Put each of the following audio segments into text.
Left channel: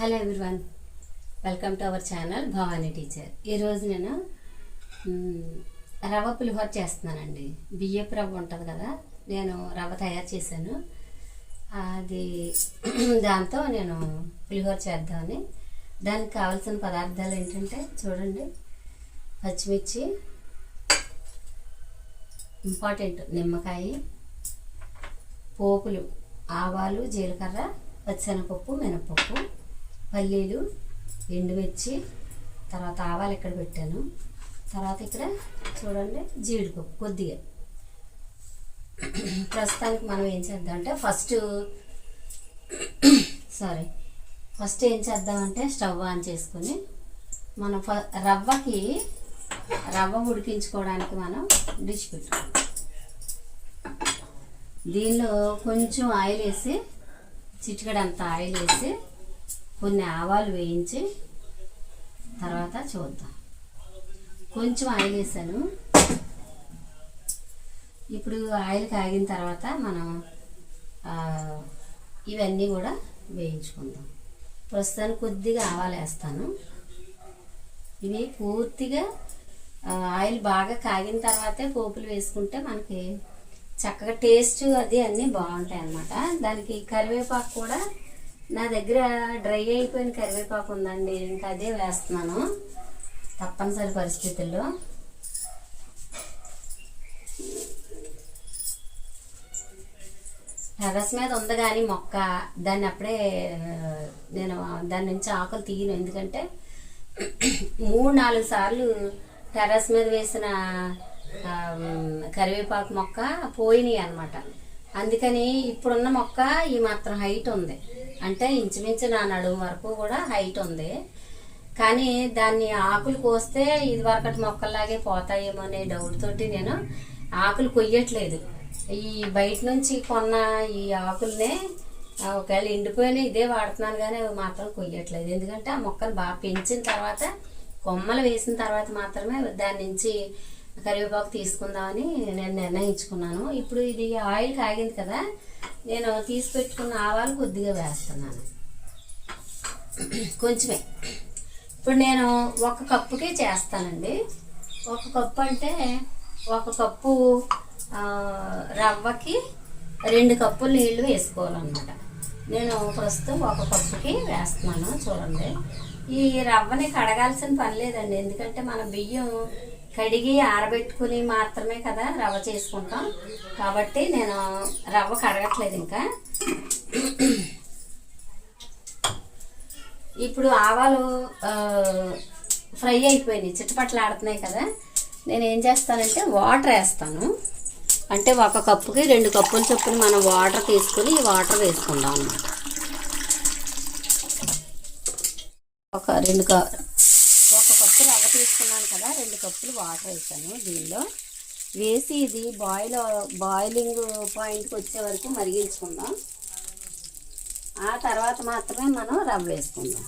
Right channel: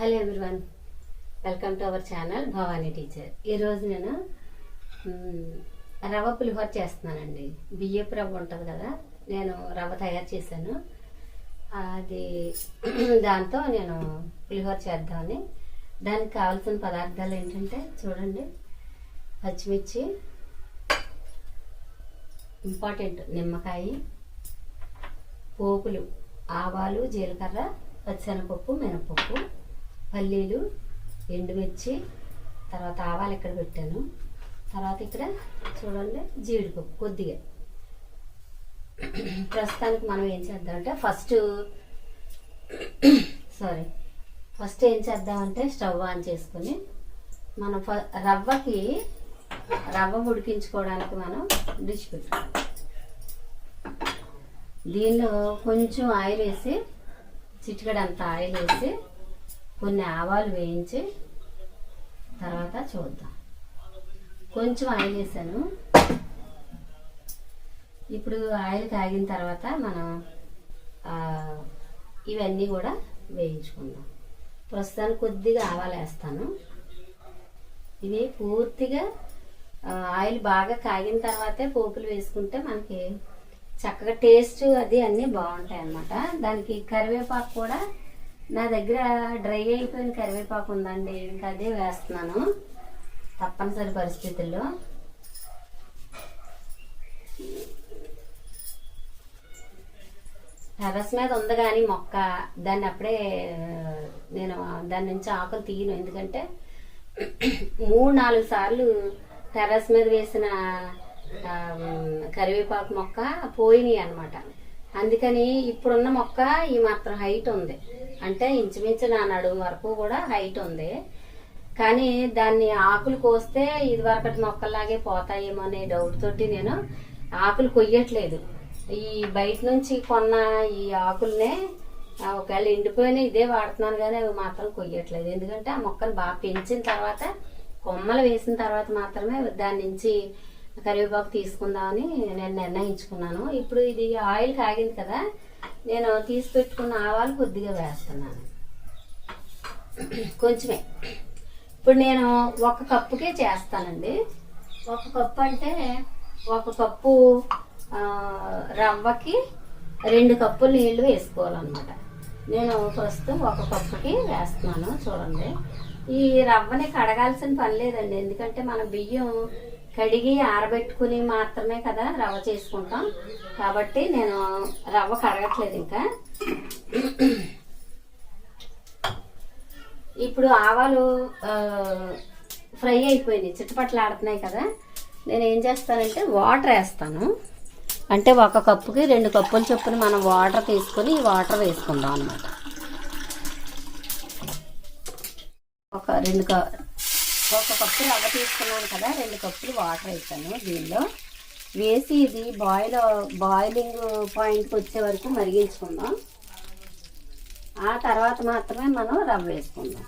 Hello everyone welcome to our channel Bhavani teacher. ఈరోజు నేను రవ రవ్వ పులిహోర చేస్తున్నానండి. బియ్యపు రవ్వ ఉంటుంది కదా నేను రవ్వ తయారు చేశాను. అది దాంతో నేను పులిహోర చేద్దామని. దానికి కావాల్సిన పదార్థాలు ఏంటంటే చూడండి. పచ్చిమిర్చి ఇంపార్టెంట్ నిమ్మకాయ పోపులు ఆవాలు జీలకర్ర పచ్చనపప్పు మినపప్పు పల్లీలు ఎండుమిర్చి తర్వాత ఆవాలు ఇక్కడ పెట్టాను. తర్వాత ఇక్కడ చూడండి జీడిపప్పు కొద్దిగా. ప్రస్తుతానికి మనం ఏం చేద్దామంటే ఫస్ట్ సారీ ఫస్ట్ ఏం చేద్దామంటే స్టవ్ ఆన్ చేసుకొని మనం ఫ రవ్వకి రవ్వ ఉడికించుకోవడానికి మనం డిష్ పెట్టుకోవాలి దీనిలో కొంచెం ఆయిల్ వేసి చిటికడంత ఆయిల్ వేసి కొన్ని ఆవాలు వేయించి తర్వాత చూద్దాం. కొంచెం ఆయిల్ వేసాను. ఇప్పుడు ఆయిల్ కాగిన తర్వాత మనం ఇవన్నీ కూడా వేయించుకుందాం. ప్రస్తుతానికి కొద్దిగా ఆవాలు వేస్తాను. ఇవి పూర్తిగా ఆయిల్ బాగా కాగిన తర్వాతే పోపులు వేసుకుంటే మనకి చక్కగా టేస్ట్ అది అన్నీ బాగుంటాయి అన్నమాట దానికి కరివేపాకు కూడా నా దగ్గర డ్రై అయిపోయిన కరివేపాకు ఉందండి. ఇంకా అదే వేస్తున్నాను. తప్పనిసరి పరిస్థితుల్లో. టెర్రస్ మీద ఉంది కానీ మొక్క. దాన్ని అప్పుడే నేను దాని నుంచి ఆకులు తీయను. ఎందుకంటే మూడు నాలుగు సార్లు టెర్రస్ మీద వేసిన కరివేపాకు మొక్క పోయినాయి అనమాట అందుకని ఇప్పుడున్న మొక్క ఈ మాత్రం హైట్ ఉంది. అంటే ఇంచుమించు నా నడుము వరకు కూడా హైట్ ఉంది. కానీ దాన్ని ఆకులు కోస్తే ఇది వరకటి మొక్కల్లాగే పోతాయేమో అనే డౌట్ తోటి నేను ఆకులు కొయ్యట్లేదు. ఈ బయట నుంచి కొన్న ఈ ఆకుల్నే ఒకవేళ ఎండిపోయినా ఇదే వాడుతున్నాను కానీ అవి మాత్రం కొయ్యట్లేదు. ఎందుకంటే ఆ మొక్కలు బాగా పెంచిన తర్వాత కొమ్మలు వేసిన తర్వాత మాత్రమే దాని నుంచి కరివేపాకు తీసుకుందామని నేను నిర్ణయించుకున్నాను. ఇప్పుడు ఇది ఆయిల్ కాగింది కదా నేను తీసి పెట్టుకున్న ఆవాలు కొద్దిగా వేస్తున్నాను. కొంచెమే. ఇప్పుడు నేను ఒక కప్పుకే చేస్తానండి. ఒక కప్పు అంటే ఒక కప్పు రవ్వకి రెండు కప్పులు నీళ్ళు వేసుకోవాలన్నమాట. నేను ప్రస్తుతం ఒక కప్పుకి వేస్తున్నాను చూడండి. ఈ రవ్వని కడగాల్సిన పని లేదండి. ఎందుకంటే మన బియ్యం కడిగి ఆరబెట్టుకుని మాత్రమే కదా రవ్వ చేసుకుంటాం. కాబట్టి నేను రవ్వ కడగట్లేదు ఇంకా. ఇప్పుడు ఆవాలు ఫ్రై అయిపోయినాయి. చిట్టపట్లు ఆడుతున్నాయి కదా. నేను ఏం చేస్తానంటే వాటర్ వేస్తాను. అంటే ఒక కప్పుకి రెండు కప్పులు చొప్పున మనం వాటర్ తీసుకొని ఈ వాటర్ వేసుకుందాం అనమాట ఒక రెండు క కప్పు రవ్వ తీసుకున్నాను కదా రెండు కప్పులు వాటర్ వేసాను దీనిలో. వేసి ఇది బాయిల్ బాయిలింగ్ పాయింట్కి వచ్చే వరకు మరిగించుకుందాం. ఆ తర్వాత మాత్రమే మనం రవ్వ వేసుకుందాం.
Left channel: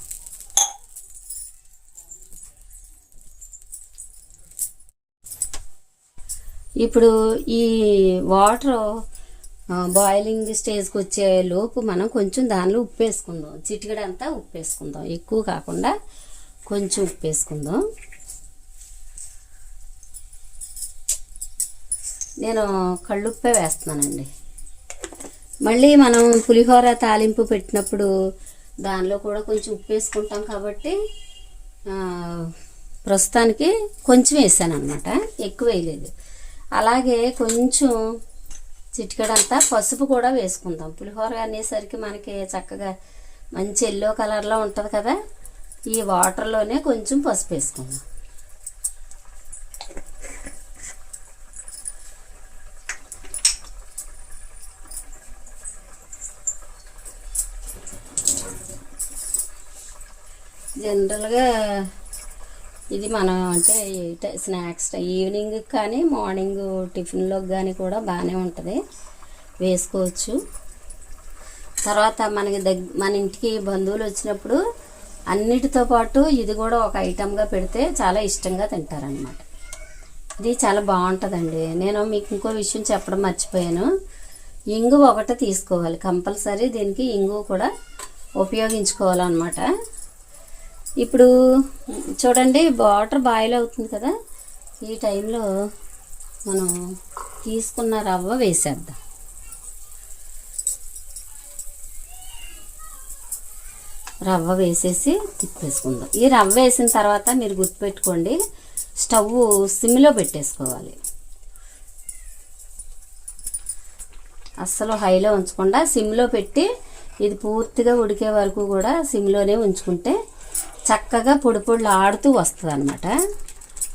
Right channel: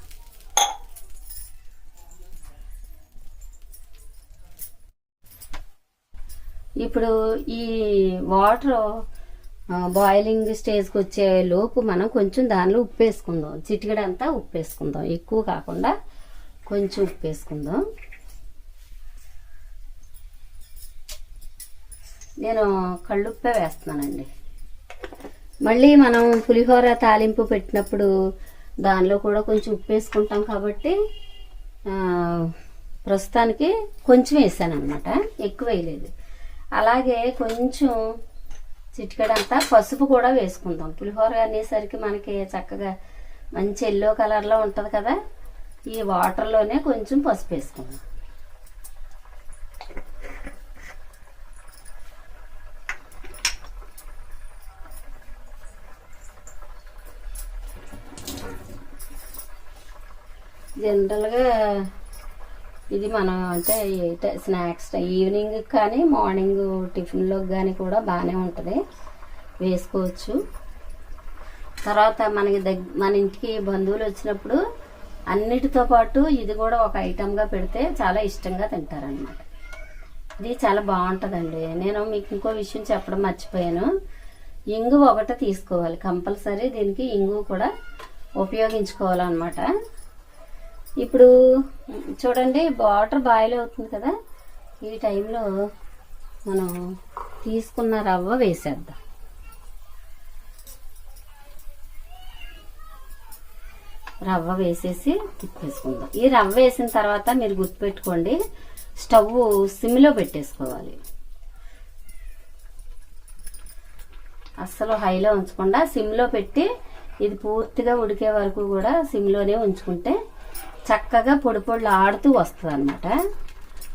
ఇప్పుడు ఈ వాటర్ బాయిలింగ్ స్టేజ్కి వచ్చే లోపు మనం కొంచెం దానిలో ఉప్పు వేసుకుందాం. చిటికడంతా ఉప్పు వేసుకుందాం. ఎక్కువ కాకుండా కొంచెం ఉప్పు వేసుకుందాం. నేను కళ్ళుప్పే వేస్తున్నానండి. మళ్ళీ మనం పులిహోర తాలింపు పెట్టినప్పుడు దానిలో కూడా కొంచెం ఉప్పు వేసుకుంటాం కాబట్టి ప్రస్తుతానికి కొంచెం వేసాను అనమాట ఎక్కువ వేయలేదు. అలాగే కొంచెం చిటికడంతా పసుపు కూడా వేసుకుందాం. పులిహోర అనేసరికి మనకి చక్కగా మంచి ఎల్లో కలర్లో ఉంటుంది కదా. ఈ వాటర్లోనే కొంచెం పసుపు వేసుకుందాం. జనరల్గా ఇది మనం అంటే స్నాక్స్ టై- ఈవినింగ్ కానీ మార్నింగ్ టిఫిన్లోకి కానీ కూడా బాగానే ఉంటుంది. వేసుకోవచ్చు. తర్వాత మనకి దగ్గ మన ఇంటికి బంధువులు వచ్చినప్పుడు అన్నిటితో పాటు ఇది కూడా ఒక ఐటమ్గా పెడితే చాలా ఇష్టంగా తింటారనమాట ఇది చాలా బాగుంటుందండి. నేను మీకు ఇంకో విషయం చెప్పడం మర్చిపోయాను. ఇంగు ఒకటి తీసుకోవాలి. కంపల్సరీ దీనికి ఇంగు కూడా ఉపయోగించుకోవాలన్నమాట. ఇప్పుడు చూడండి వాటర్ బాయిల్ అవుతుంది కదా. ఈ టైంలో మనం తీసుకున్న రవ్వ వేసేద్దాం. రవ్వ వేసేసి తిప్పేసుకుందాం. ఈ రవ్వ వేసిన తర్వాత మీరు గుర్తుపెట్టుకోండి స్టవ్ సిమ్లో పెట్టేసుకోవాలి. అస్సలు హైలో ఉంచకుండా సిమ్లో పెట్టి ఇది పూర్తిగా ఉడికే వరకు కూడా సిమ్లోనే ఉంచుకుంటే చక్కగా పొడి పొడులు ఆడుతూ వస్తుంది అనమాట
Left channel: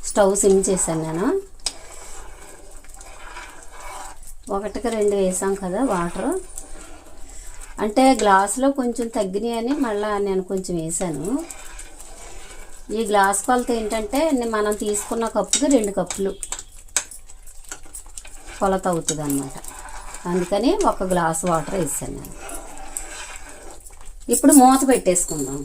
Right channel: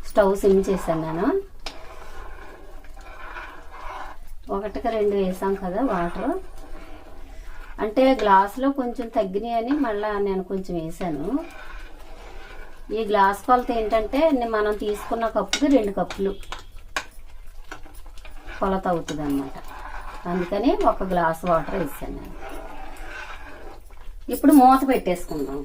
స్టవ్ సిమ్ చేశాను నేను. ఒకటికి రెండు వేసాం కదా వాటర్. అంటే గ్లాసులో కొంచెం తగ్గినాయి అని మళ్ళీ నేను కొంచెం వేసాను. ఈ గ్లాస్ కొలత ఏంటంటే మనం తీసుకున్న కప్పుకి రెండు కప్పులు కొలత అవుతుంది అన్నమాట అందుకని ఒక గ్లాస్ వాటర్ వేసాను నేను. ఇప్పుడు మూత పెట్టేసుకుందాం.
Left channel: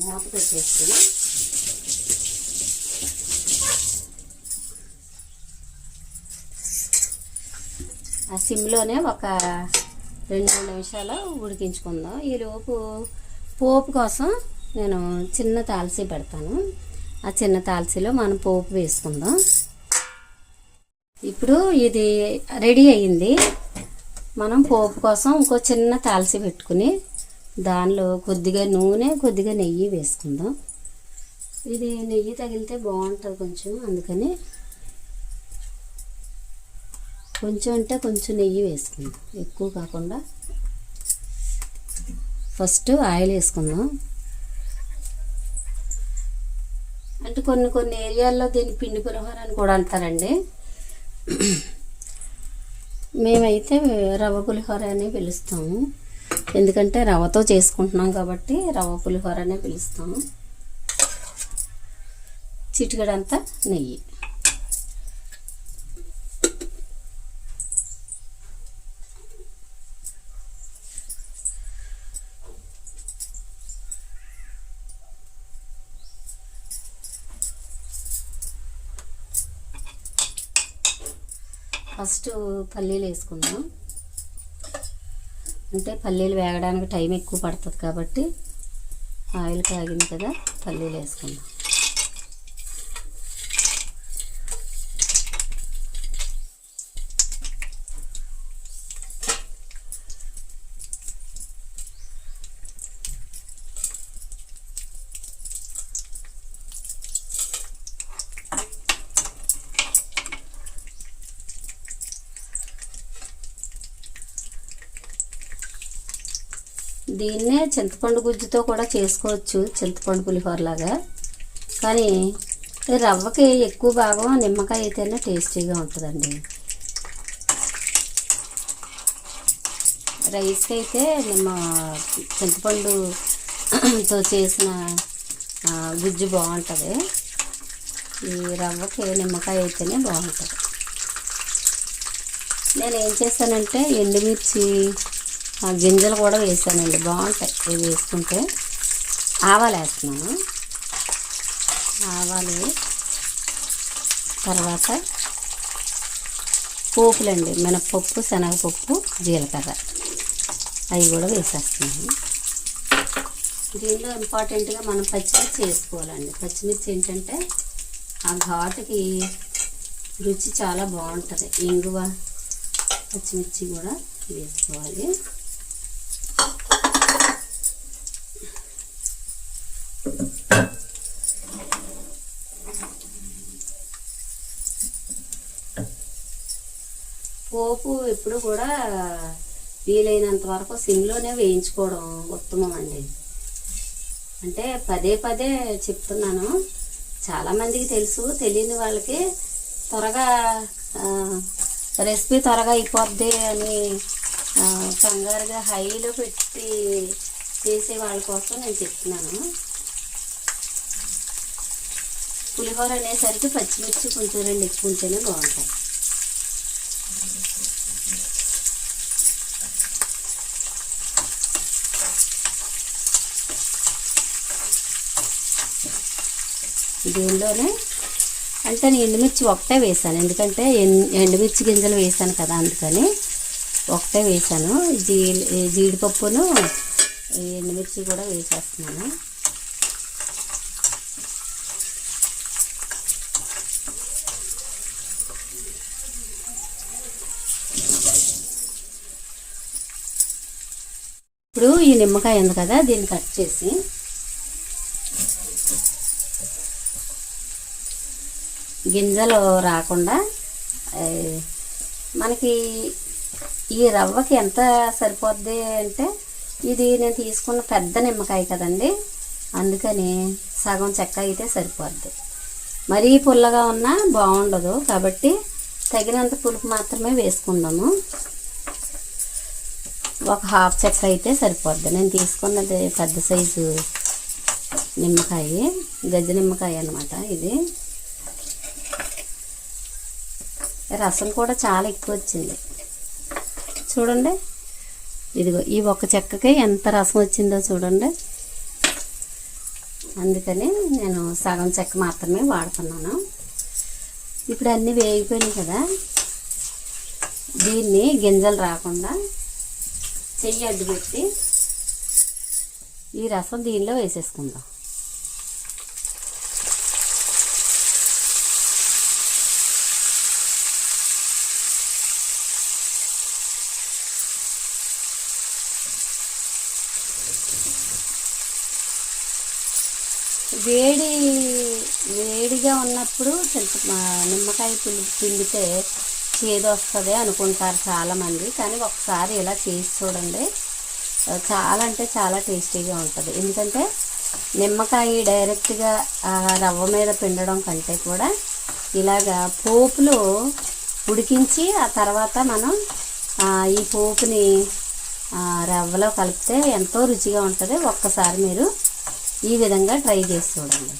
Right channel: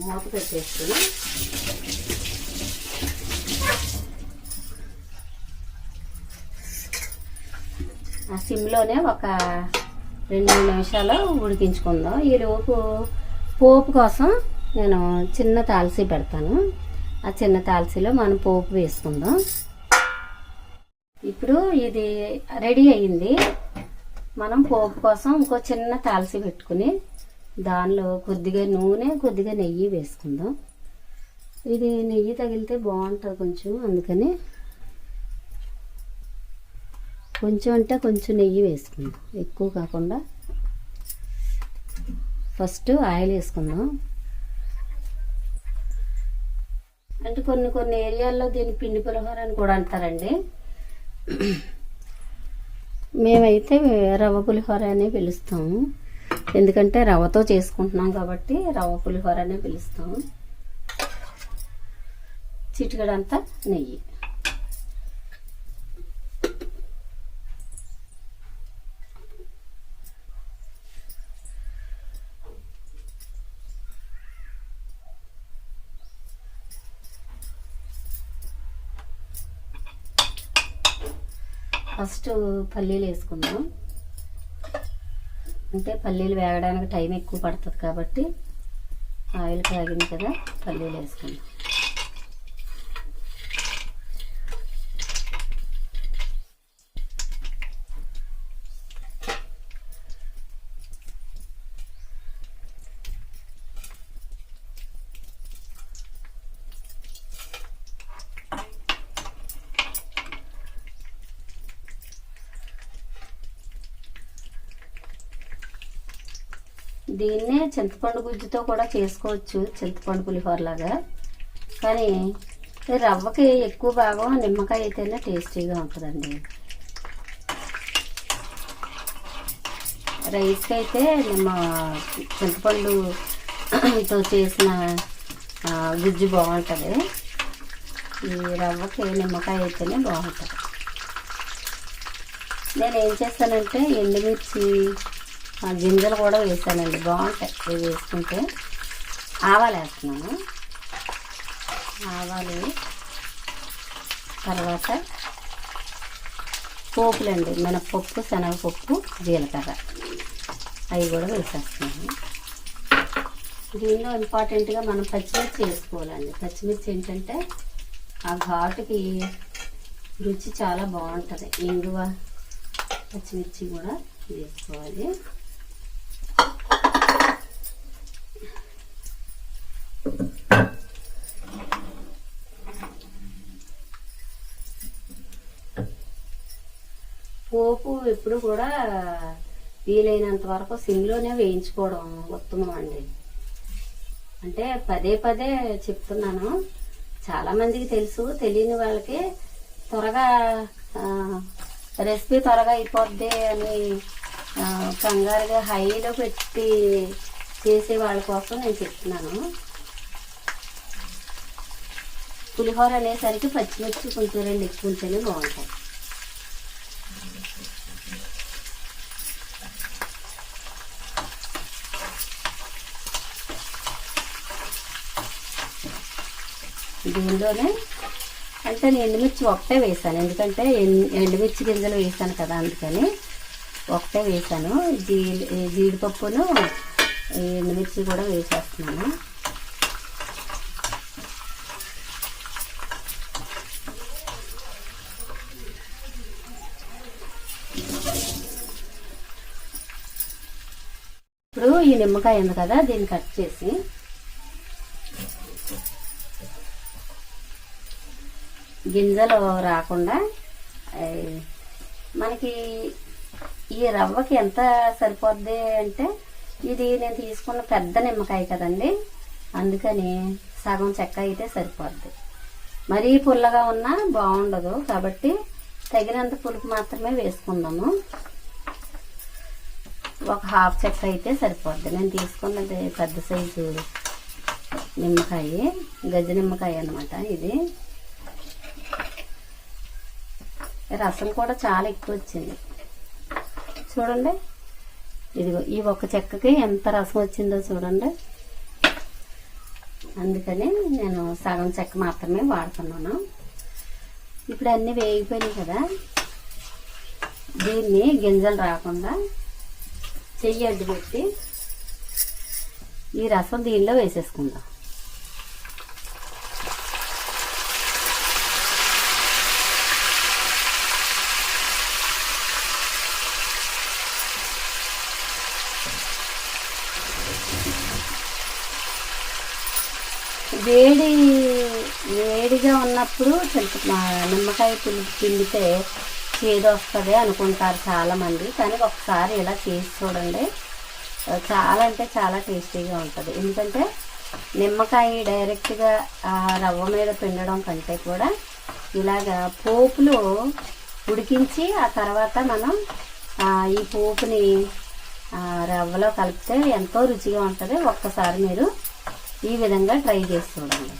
మూత పెట్టేసుకుని ఆ సిమ్లోనే ఒక రెండు మూడు నిమిషాలు ఉడికించుకుందాం. ఈలోపు పోపు కోసం నేను చిన్న తాల్సీ పెడతాను. ఆ చిన్న తాల్సీలో మనం పోపు వేసుకుందాం. ఇప్పుడు ఇది రెడీ అయ్యింది. మనం పోపు కోసం ఇంకో చిన్న తాల్సీ పెట్టుకుని దానిలో కొద్దిగా నూనె కొద్దిగా నెయ్యి వేసుకుందాం. ఇది నెయ్యి తగిలితే బాగుంటుంది కొంచెం అందుకని కొంచెం అంటే కొంచెం నెయ్యి వేసుకుందాం. ఎక్కువ కాకుండా ఫస్ట్ ఆయిల్ వేసుకుందాం. అంటే కొన్ని కొన్ని ఏరియాల్లో దీన్ని పిండి పులిహోర అని కూడా అంటారండి. మేమైతే రవ్వ పులిహోర అని పిలుస్తాము. ఎందుకంటే రవ్వతో చేసుకుంటున్నాం కాబట్టి రవ్వ పులిహోర అనే పిలుస్తాము. చిటికడంతా నెయ్యి. ఫస్ట్ పల్లీలు వేసుకుందాం. అంటే పల్లీలు వేగడానికి టైం ఎక్కువ పడుతుంది కాబట్టి ఆయిల్ కాగింది కదా పల్లీలు వేసుకుందాం. దీన్నే చింతపండు గుజ్జుతో కూడా చేసుకోవచ్చు చింతపండు పులిహోరలాగా. కానీ రవ్వకి ఎక్కువ భాగం నిమ్మకాయ అయితేనే టేస్టీగా ఉంటుందండి. రైస్కి అయితే నిమ్మ చింతపండుతో చేసిన గుజ్జు బాగుంటుంది. ఈ రవ్వకి నిమ్మకాయ అయితేనే బాగుంటుంది. నేను ఏం చేస్తానంటే ఎండుమిర్చి ఆ, గింజలు కూడా వేసానండి. బాగుంటాయి. ఇవి వేసుకుంటే ఆవాలు వేస్తున్నాను. ఆవాలు తర్వాత పోపులండి. మినపప్పు శనగపప్పు జీలకర్ర. అవి కూడా వేసేస్తున్నాను. దీనిలో ఇంపార్టెంట్గా మనం పచ్చిమిర్చి వేసుకోవాలండి. పచ్చిమిర్చి ఏంటంటే ఆ ఘాటుకి రుచి చాలా బాగుంటుంది. ఇంగువ పచ్చిమిర్చి కూడా వేసుకోవాలి. పోపు ఎప్పుడు కూడా వీలైనంత వరకు సిమ్లోనే వేయించుకోవడం ఉత్తమం అండి. అంటే పదే పదే చెప్తున్నాను. చాలామందికి తెలుసు తెలియని వాళ్ళకి త్వరగా రెసిపీ త్వరగా అయిపోద్ది అని కంగారుగా హైలో పెట్టి చేసే వాళ్ళ కోసం నేను చెప్తున్నాను. పులిహోర అనేసరికి పచ్చిమిర్చి కొంచెం రెండు ఎక్కువ ఉంటేనే బాగుంటాయి. దీనిలోనే అంటే నేను ఎండుమిర్చి ఒకటే వేసాను. ఎందుకంటే ఎండుమిర్చి గింజలు వేసాను కదా అందుకని ఒకటే వేసాను. జీ జీడిపప్పును ఎండుమిర్చి కూడా వేసేస్తున్నాను. ఇప్పుడు ఈ నిమ్మకాయ ఉంది కదా దీన్ని కట్ చేసి గింజలు రాకుండా మనకి ఈ రవ్వకి ఎంత సరిపోద్ది అంటే ఇది నేను తీసుకున్న పెద్ద నిమ్మకాయ కదండి అందుకని సగం చెక్క అయితే సరిపోద్ది. మరీ పుల్లగా ఉన్నా బాగుండదు కాబట్టి తగినంత పులుపు మాత్రమే వేసుకున్నాము ఒక హాఫ్ చెక్క అయితే సరిపోద్ది. నేను తీసుకున్నది పెద్ద సైజు నిమ్మకాయ గజ్జ నిమ్మకాయ అన్నమాట ఇది. రసం కూడా చాలా ఎక్కువ వచ్చింది. చూడండి. ఇదిగో ఈ ఒక్క చెక్కకి ఎంత రసం వచ్చిందో చూడండి. అందుకని నేను సగం చెక్క మాత్రమే వాడుతున్నాను. ఇప్పుడు అన్నీ వేగిపోయినాయి కదా. దీన్ని గింజలు రాకుండా చెయ్యి అడ్డు పెట్టి ఈ రసం దీనిలో వేసేసుకుందాం. వేడి వేడిగా ఉన్నప్పుడు చింత నిమ్మకాయ పులుపు పిండితే చేదు వస్తుంది అనుకుంటారు చాలామంది కానీ ఒకసారి ఇలా చేసి చూడండి. చాలా అంటే చాలా టేస్టీగా ఉంటుంది. ఎందుకంటే నిమ్మకాయ డైరెక్ట్గా రవ్వ మీద పిండడం కంటే కూడా ఇలాగా పోపులు ఉడికించి ఆ తర్వాత మనం ఈ పోపుని రవ్వలో కలిపితే ఎంతో రుచిగా ఉంటుంది. ఒక్కసారి మీరు ఈ విధంగా ట్రై చేసి చూడండి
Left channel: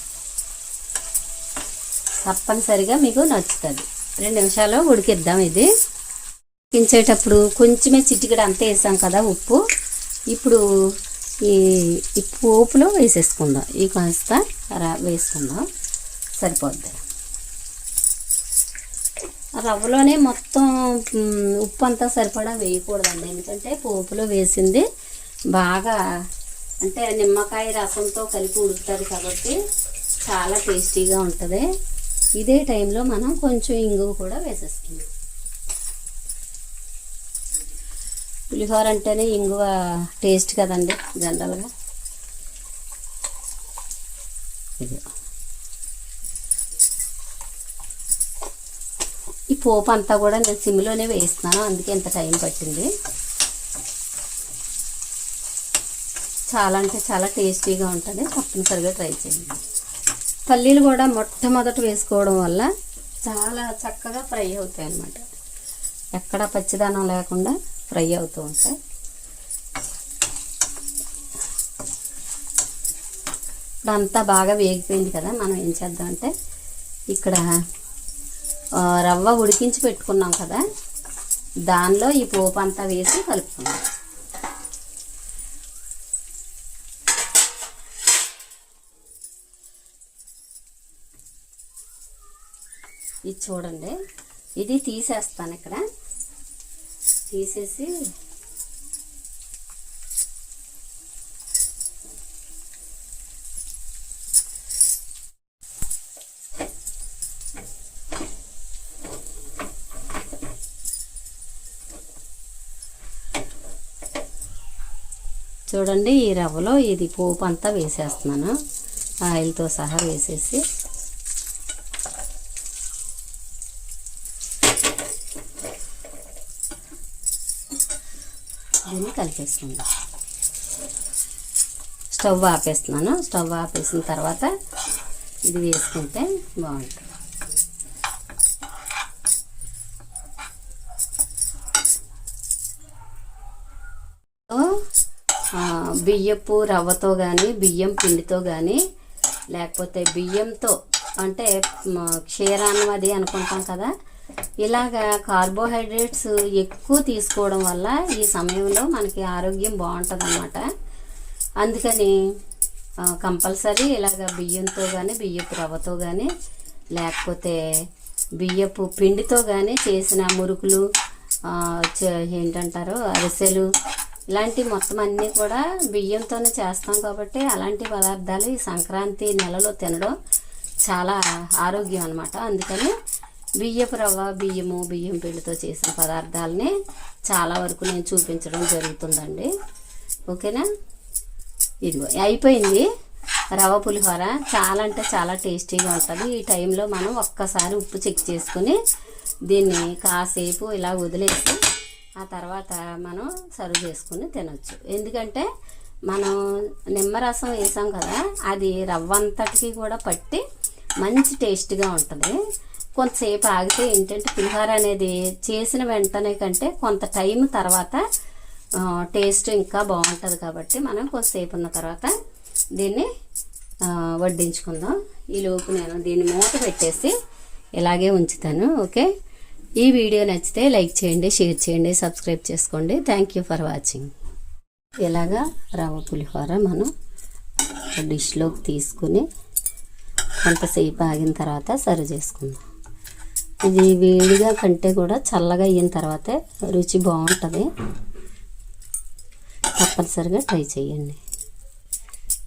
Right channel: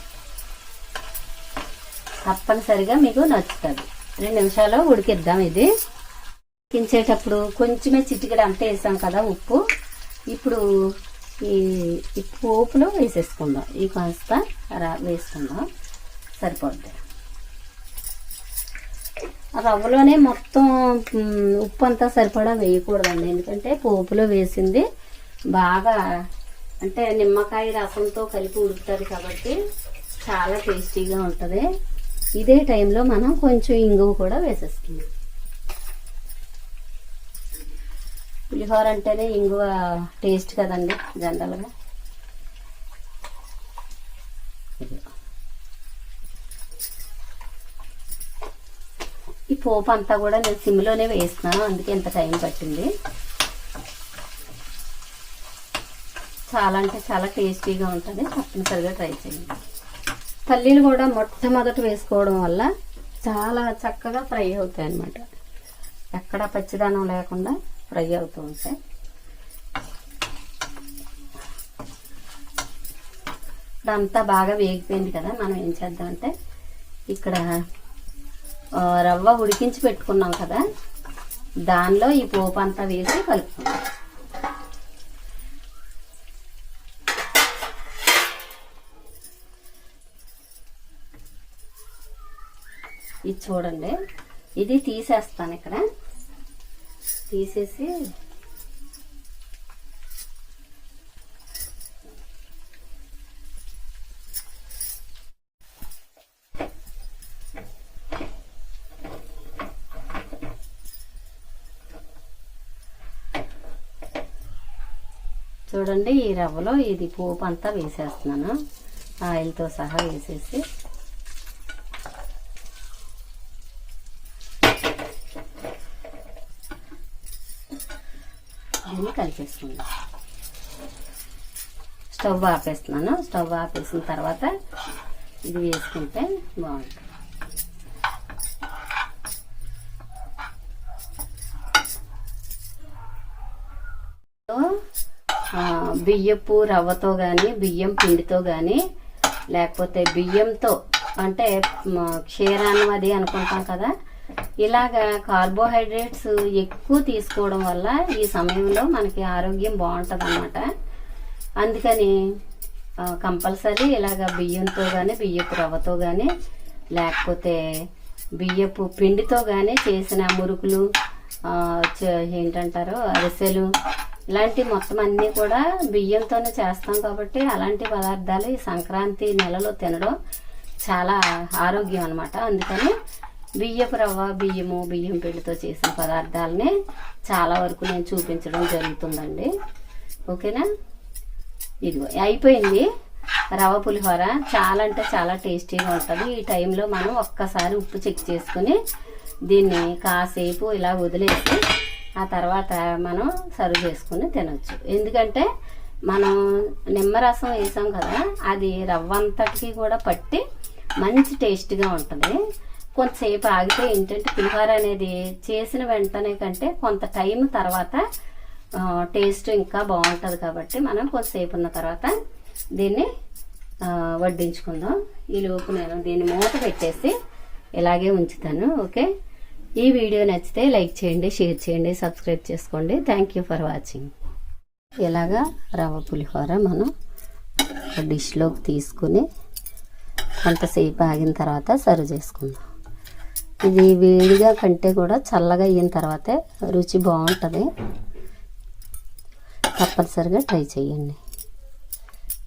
తప్పనిసరిగా మీకు నచ్చుతుంది. రెండు నిమిషాలు ఉడికిద్దాం ఇది. ఉడికించేటప్పుడు కొంచెమే చిటికెడ అంతా వేసాం కదా ఉప్పు. ఇప్పుడు ఈ పోపులో వేసేసుకుందాం. ఈ కాస్త వేసుకుందాం. సరిపోద్ది. రవ్వలోనే మొత్తం ఉప్పు అంతా సరిపడా వేయకూడదండి. ఎందుకంటే పోపులో వేసింది బాగా అంటే నిమ్మకాయ రసంతో కలిపి ఉడుకుతుంది కాబట్టి చాలా టేస్టీగా ఉంటుంది. ఇదే టైంలో మనం కొంచెం ఇంగువ కూడా వేసేసుకుందాం. పులిహోర అంటేనే ఇంగువ టేస్ట్ కదండి జనరల్గా. ఈ పోపు అంతా కూడా నేను సిమ్లోనే వేస్తున్నాను అందుకే ఇంత టైం పట్టింది. చాలా అంటే చాలా టేస్టీగా ఉంటుంది. తప్పనిసరిగా ట్రై చేయండి. పల్లీలు కూడా మొట్టమొదట వేసుకోవడం వల్ల చాలా చక్కగా ఫ్రై అవుతాయి అన్నమాట. ఎక్కడ పచ్చిదానం లేకుండా ఫ్రై అవుతూ ఉంటాయి. ఇదంతా బాగా వేగిపోయింది కదా మనం ఏం చేద్దామంటే ఇక్కడ రవ్వ ఉడికించి పెట్టుకున్నాం కదా దానిలో ఈ పోపు అంతా వేసి కలుపుకుందాం. ఇది చూడండి. ఇది తీసేస్తాను ఇక్కడ. తీసేసి చూడండి ఈ రవ్వలో ఇది పోపు అంతా వేసేస్తున్నాను. ఆయిల్తో సహా వేసేసి దీన్ని కలిపేసుకుందాం. స్టవ్ ఆపేస్తున్నాను. స్టవ్ ఆపేసిన తర్వాత ఇది వేసుకుంటే బాగుంటుంది. బియ్యపు రవ్వతో కానీ బియ్యం పిండితో కానీ లేకపోతే బియ్యంతో అంటే క్షీరాన్నం అది అనుకుంటాం కదా ఇలాగా కార్బోహైడ్రేట్స్ ఎక్కువ తీసుకోవడం వల్ల ఈ సమయంలో మనకి ఆరోగ్యం బాగుంటుంది అన్నమాట అందుకని కంపల్సరీ ఇలాగ బియ్యంతో కానీ బియ్యపు రవ్వతో కానీ లేకపోతే బియ్యపు పిండితో కానీ చేసిన మురుకులు ఏంటంటారు అరిసెలు ఇలాంటి మొత్తం అన్నీ కూడా బియ్యంతోనే చేస్తాం కాబట్టి అలాంటి పదార్థాలు ఈ సంక్రాంతి నెలలో తినడం చాలా ఆరోగ్యం అనమాట అందుకని బియ్యపు రవ్వ బియ్యము బియ్యం పిండితో చేసిన పదార్థాలని చాలా వరకు నేను చూపించడం జరుగుతుందండి. ఓకేనా? ఇదిగో అయిపోయింది. రవ్వ పులిహోర చాలా అంటే చాలా టేస్టీగా ఉంటుంది. ఈ టైంలో మనం ఒక్కసారి ఉప్పు చెక్ చేసుకుని దీన్ని కాసేపు ఇలా వదిలేసి ఆ తర్వాత మనం సర్వ్ చేసుకుని తినొచ్చు. ఎందుకంటే మనం నిమ్మరసం వేసాం కదా అది రవ్వ అంతటికి కూడా పట్టి మంచి టేస్ట్గా ఉంటుంది. కొంతసేపు ఆగితే ఏంటంటే పులిహోర అనేది చేసిన వెంటనే కంటే కొంత టైం తర్వాత టేస్ట్ ఇంకా బాగుంటుంది కాబట్టి మనం కొంతసేపు ఉన్న తర్వాత దీన్ని వడ్డించుకుందాం. ఈ లోపు నేను దీన్ని మూత పెట్టేసి ఇలాగే ఉంచుతాను. ఓకే? ఈ వీడియో నచ్చితే లైక్ చేయండి షేర్ చేయండి సబ్స్క్రైబ్ చేసుకోండి. థ్యాంక్ యూ ఫర్ వాచింగ్ ఇలాగా రవ్వ పులిహోర మనం డిష్లోకి తీసుకుని కొంతసేపు ఆగిన తర్వాత సర్వ్ చేసుకుందాం. ఇది వేడిగా కంటే కూడా చల్లగా అయిన తర్వాతే రుచి బాగుంటుంది. తప్పనిసరిగా ట్రై చేయండి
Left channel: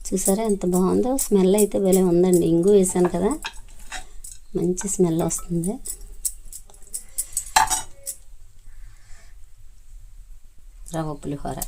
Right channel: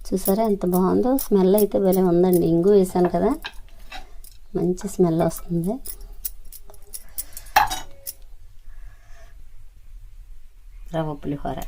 చూసారా ఎంత బాగుందో? స్మెల్ అయితే భలే ఉందండి. ఇంగు వేసాను కదా. మంచి స్మెల్ వస్తుంది. రవ్వ పులిహోర.